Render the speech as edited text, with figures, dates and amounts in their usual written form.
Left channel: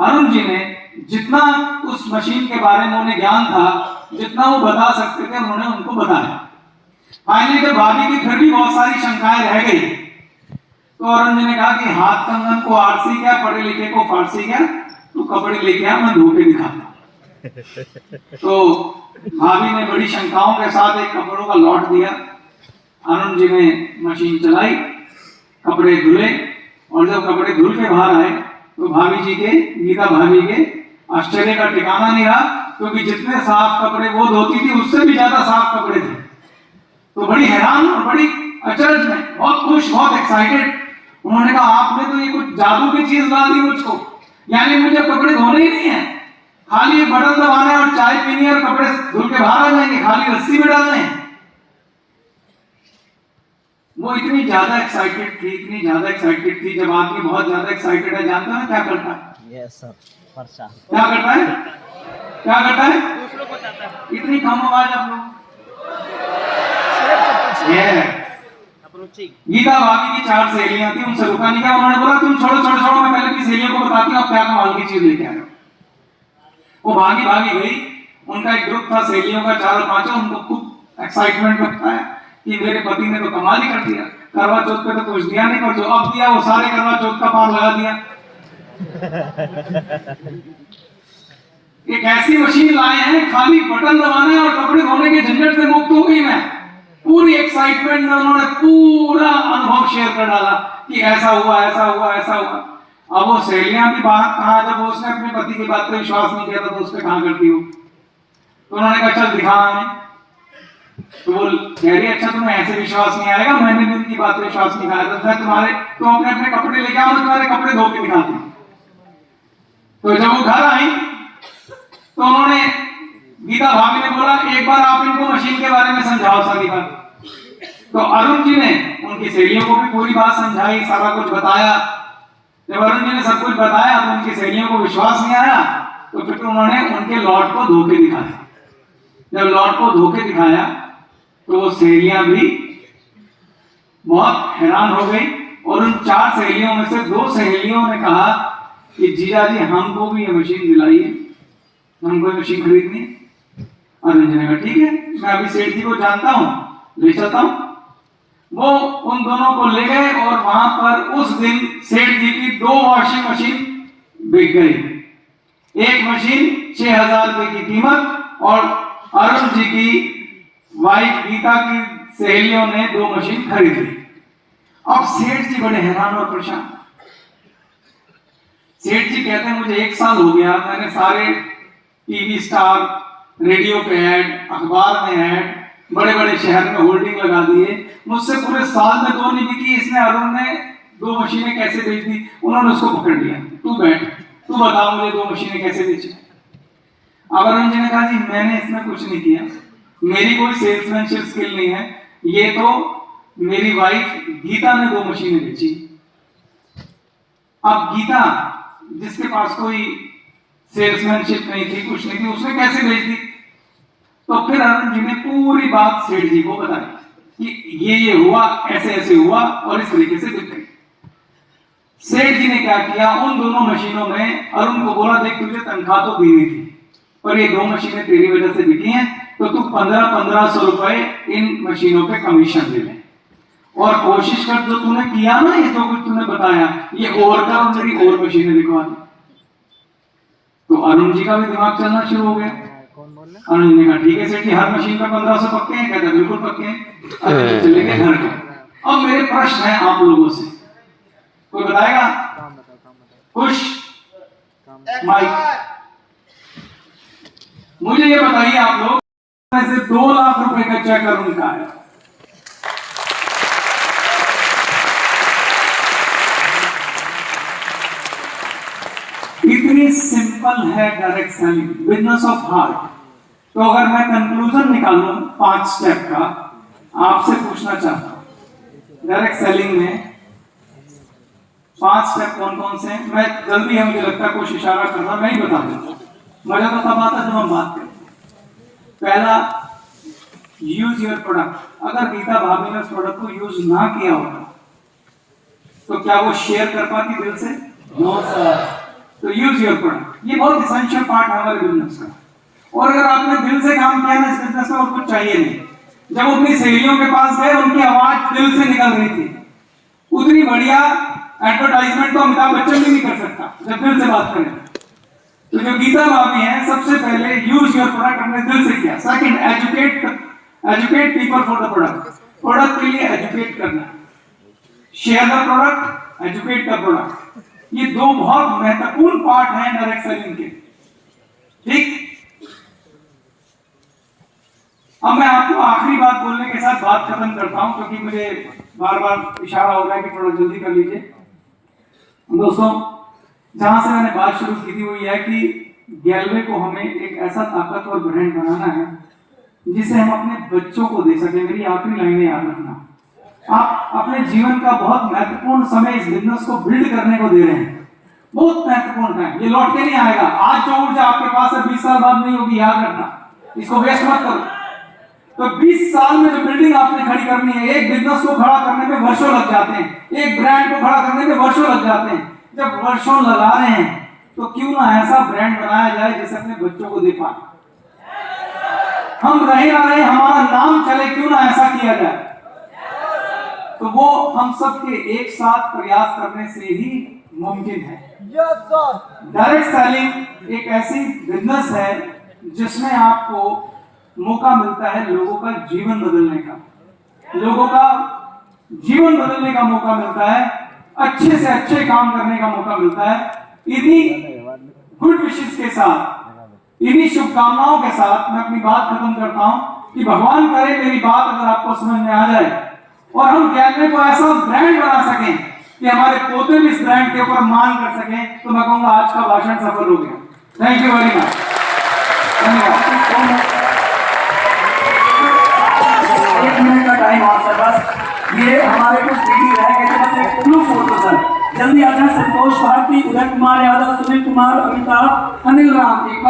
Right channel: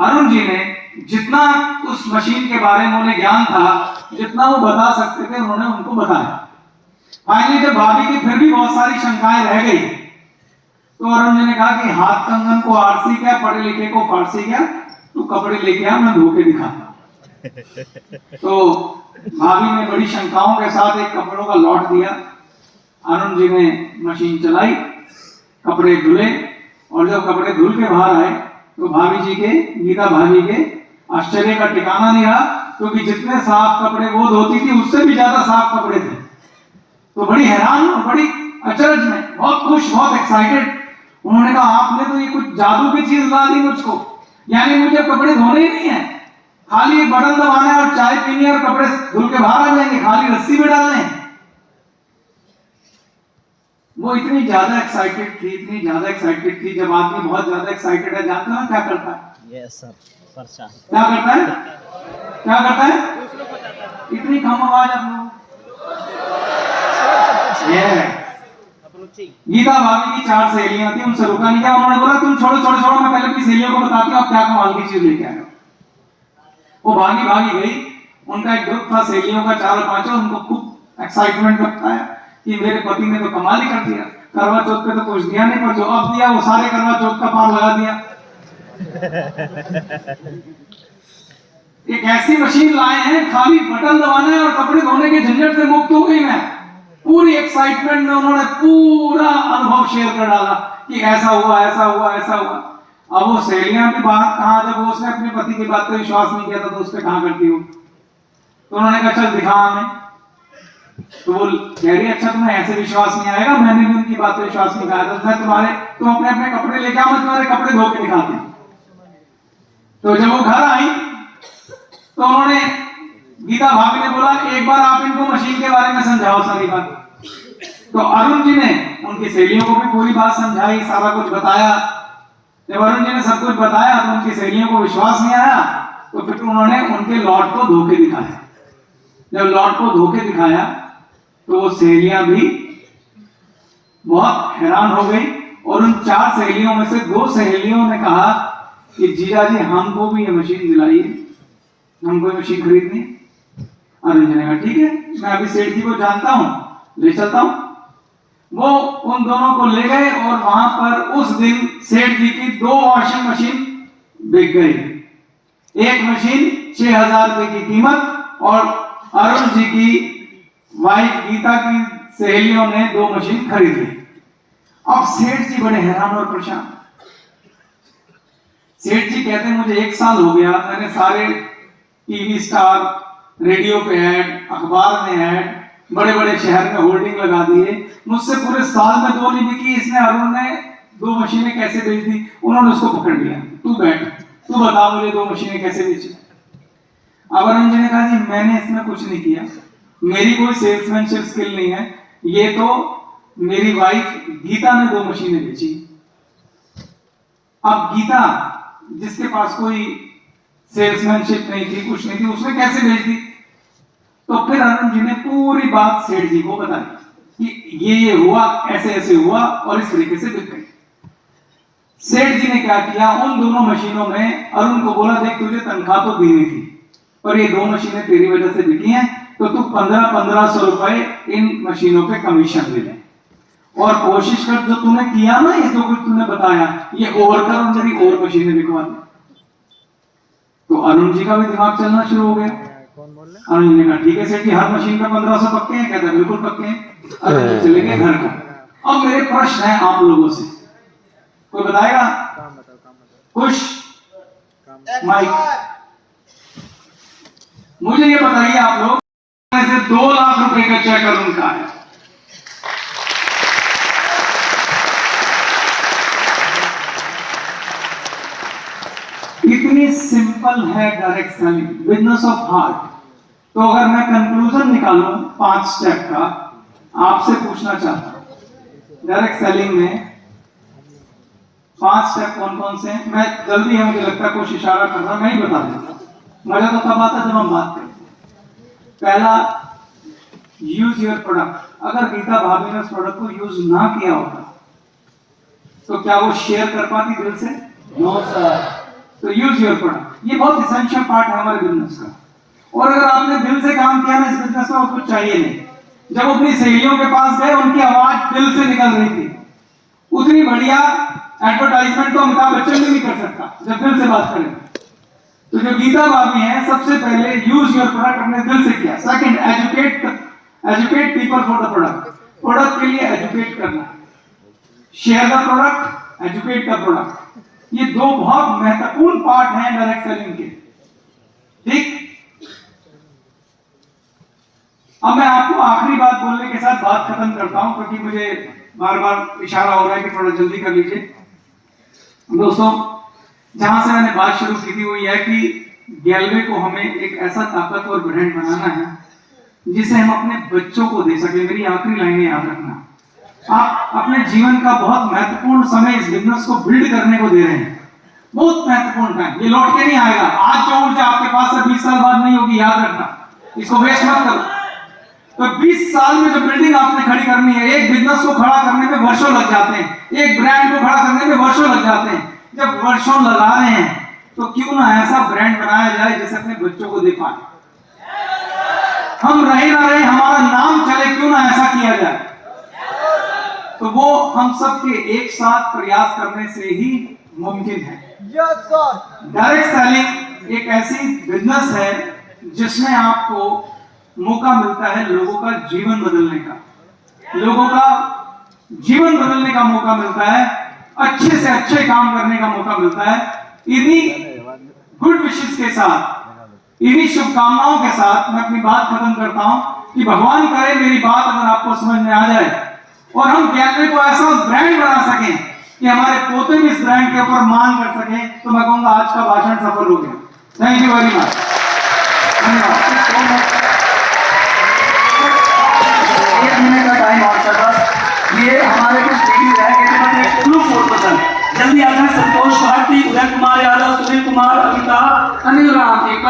अरुण जी ने जितना उस मशीन के बारे में उन्हें ज्ञान था, जितना वो बता सकते थे, उन्होंने उनको बताया। फाइनली जब भाभी की फिर भी बहुत सारी शंकाएं रह गई, तो अरुण जी ने कहा कि हाथ कंगन को आरसी क्या, पढ़े लिखे को फारसी क्या, तू कपड़े लेके आ, मैं धो के दिखाता। तो भाभी ने बड़ी शंकाओं के साथ एक कपड़ों का लॉट दिया। अरुण जी ने मशीन चलाई, कपड़े धुले, और जब कपड़े धुल के बाहर आए तो भाभी जी के, गीता भाभी के आश्चर्य का ठिकाना नहीं रहा, क्योंकि जितने साफ कपड़े वो धोती थी उससे भी ज्यादा साफ कपड़े थे। तो बड़ी हैरान और बड़ी अचरज में, बहुत खुश, बहुत एक्साइटेड। उन्होंने कहा आपने तो ये कुछ जादू की चीज ला दी मुझको, यानी मुझे कपड़े धोने ही नहीं है, खाली एक बटन दबाना है और चाय पीनी है और कपड़े धुल के बाहर आ जाएंगे, खाली रस्सी में डालने हैं। वो इतनी ज्यादा एक्साइटेड थी, इतनी ज्यादा एक्साइटेड थी। जब आदमी बहुत ज्यादा एक्साइटेड है, जानते हो क्या करता है? यस सर, परेशान क्या करता है? क्या करता है? इतनी कम आवाज आप लोग। गीता भाभी की 4 सहेलियां थी, उनसे रुका नहीं गया। उन्होंने बोला तुम छोड़ो छोड़ो छोड़ो, मैं पहले अपनी सहेलियों को बताती हूँ आप क्या कमाल की चीज लेके आए हो। वो भागी भागी गई। उनका एक ग्रुप था सहेलियों का, 4 और 5। उनको खूब एक्साइटमेंट लगता है कि मेरे पति ने तो कमाल ही कर दिया, करवा चौथ पे तो कुछ दिया नहीं, पर जो अब दिया वो सारे करवा चौथ का पार लगा दिया। एक ऐसी मशीन लाए हैं, खाली बटन दबाना है और कपड़े धोने के झंझट से मुक्त हो गई मैं। पूरी एक्साइटमेंट में उन्होंने पूरा अनुभव शेयर कर डाला कि ऐसा हुआ, ऐसा हुआ, ऐसा हुआ। अब वो सहेलियां की बात कहाँ, जब वो उसने अपने पति की बात पे विश्वास नहीं किया था तो उस पर कहाँ करती हो। तो उन्होंने कहा चल दिखा हमें। तो वो कह रही अच्छा तुम्हें ऐसे विश्वास नहीं आएगा, मैंने भी उनकी बात पे विश्वास नहीं किया था, तुम्हारे तुम अपने अपने कपड़े लेके आओ, मैं तुम्हारे कपड़े धो के दिखाती हूँ। तो जब वो घर आई तो उन्होंने, गीता भाभी ने बोला एक बार आप इनको मशीन के बारे में समझाओ सारी बात। तो अरुण जी ने उनकी सहेलियों को भी पूरी बात समझाई, सारा कुछ बताया। जब अरुण जी ने सब कुछ बताया तो उनकी सहेलियों को विश्वास नहीं आया, तो फिर उन्होंने उनके लॉट को धो के दिखाया। जब लॉट को धो के दिखाया तो वो सहेलियां भी बहुत हैरान हो गई, और उन 4 सहेलियों में से 2 सहेलियों ने कहा कि जीजा जी हमको भी ये मशीन दिलाइए, हमको मशीन खरीदनी है। अरुण जी ने कहा ठीक है, मैं अभी सेठ जी को जानता हूं, ले चलता हूं। वो उन दोनों को ले गए और वहां पर उस दिन सेठ जी की 2 वॉशिंग मशीन बिक गई। एक मशीन 6000 रुपए की कीमत, और अरुण जी की वाइफ गीता की सहेलियों ने 2 मशीन खरीद ली। अब सेठ जी बड़े हैरान और परेशान। सेठ जी कहते हैं मुझे 1 साल हो गया, मैंने सारे टीवी स्टार, रेडियो पे ऐड, अखबार में ऐड, बड़े बड़े शहर में होर्डिंग लगा दिए, मुझसे पूरे साल में 2 नहीं बिकी, इसने अरुण ने 2 मशीनें कैसे बेच दी। उन्होंने उसको पकड़ लिया, तू बैठ, तू बता मुझे 2 मशीनें कैसे बेची। अब अरुण जी ने कहा जी मैंने इसमें कुछ नहीं किया, मेरी कोई सेल्समैनशिप स्किल नहीं है, ये तो मेरी वाइफ गीता ने 2 मशीनें बेची। अब गीता जिसके पास कोई सेल्समैनशिप नहीं थी, कुछ नहीं थी, उसने कैसे बेच दी। तो फिर अरुण जी ने पूरी बात सेठ जी को बताई कि ये हुआ, ऐसे ऐसे हुआ और इस तरीके से बिक गई। सेठ जी ने क्या किया, उन दोनों मशीनों में अरुण को बोला देख तुझे तनख्वाह तो देनी थी, पर ये 2 मशीनें तेरी वजह से बिकी हैं, तो तू 1500 रुपए इन मशीनों पे कमीशन ले ले, और कोशिश कर जो तूने किया ना, ये जो कुछ तूने बताया ये और कर और मेरी और मशीनें बिकवा दे। तो अरुण जी का भी दिमाग चलना शुरू हो गया। अरुण जी ने कहा ठीक है सेठ जी, हर मशीन पे 1500 पक्के हैं? कहते बिल्कुल पक्के हैं। अरुण चले गए घर को। अब मेरे प्रश्न है आप लोगों से, कोई बताएगा? कुछ माइक मुझे ये बताइए आप लोग, ऐसे 2 लाख रुपए का चेक अरुण का है। इतनी सिंपल है direct selling, business of heart. तो अगर मैं कंक्लूजन निकालूं 5 स्टेप का, आपसे पूछना चाहता हूं डायरेक्ट सेलिंग में 5 स्टेप कौन कौन से हैं? मैं जल्दी है, मुझे लगता है कुछ इशारा कर रहा, मैं ही बता देता। मजा तो तब आता जब हम बात करते। पहला, यूज योर प्रोडक्ट। अगर गीता भाभी ने उस प्रोडक्ट को यूज ना किया होता तो क्या वो शेयर कर पाती दिल से? No sir. तो यूज योर प्रोडक्ट, ये बहुत इसेंशियल पार्ट है हमारे बिजनेस का। और अगर आपने दिल से काम किया ना इस बिजनेस में, और कुछ चाहिए नहीं। जब अपनी सहेलियों के पास गए, उनकी आवाज दिल से निकल रही थी। उतनी बढ़िया एडवर्टाइजमेंट तो अमिताभ बच्चन भी नहीं कर सकता जब दिल से बात करें। तो जो गीता भाभी है, सबसे पहले यूज योर प्रोडक्ट अपने दिल से किया। Second, educate people for the product, product के लिए एजुकेट करना। Share the product, educate the product, ये दो बहुत महत्वपूर्ण पार्ट हैं डायरेक्ट सेलिंग के। ठीक, अब मैं आपको आखिरी बात बोलने के साथ बात खत्म करता हूं, क्योंकि मुझे बार बार इशारा हो रहा है कि थोड़ा जल्दी कर लीजिए। दोस्तों, जहां से मैंने बात शुरू की थी वो यह है कि गैलवे को हमें एक ऐसा ताकतवर ब्रांड बनाना है जिसे हम अपने बच्चों को दे सके। मेरी आखिरी लाइनें याद रखना, आप अपने जीवन का बहुत महत्वपूर्ण समय इस बिजनेस को बिल्ड करने को दे रहे हैं। बहुत महत्वपूर्ण टाइम, ये लौट के नहीं आएगा। आज जो ऊर्जा आपके पास है 20 साल बाद नहीं होगी, याद रखना, इसको वेस्ट मत करो। तो 20 साल में जो बिल्डिंग आपने खड़ी करनी है, एक बिजनेस को खड़ा करने में वर्षों लग जाते हैं, एक ब्रांड को खड़ा करने में वर्षों लग जाते हैं। जब वर्षों लगा रहे हैं तो क्यों ना ऐसा ब्रांड बनाया जाए जिसे अपने बच्चों को दे पाए। हम रहे ना रहे, हमारा नाम चले, क्यों ना ऐसा किया जाए। तो वो हम सब के एक साथ प्रयास करने से ही मुमकिन है। डायरेक्ट सेलिंग एक ऐसी बिजनेस है जिसमें आपको मौका मिलता है लोगों का जीवन बदलने का, लोगों का जीवन बदलने का मौका मिलता है, अच्छे से अच्छे काम करने का मौका मिलता है। इन्हीं गुड विशेस के साथ, इन्हीं शुभकामनाओं के साथ मैं अपनी बात खत्म करता हूं कि भगवान करे मेरी बात अगर आपको समझ में आ जाए और हम गैलवे को ऐसा ब्रांड बना सकें कि हमारे पोते भी इस ब्रांड के ऊपर मान कर सकें, तो मैं कहूंगा आज का भाषण सफल हो गया। थैंक यू वेरी मच, धन्यवाद। 1 मिनट का टाइम आपके पास, ये हमारे कुछ वीडियो रह गए थे, बस एक ग्रुप फोटो सर जल्दी आ जाए। संतोष भारती, उदय कुमार यादव, सुनील कुमार, अमिताभ, अनिल राम, एक बार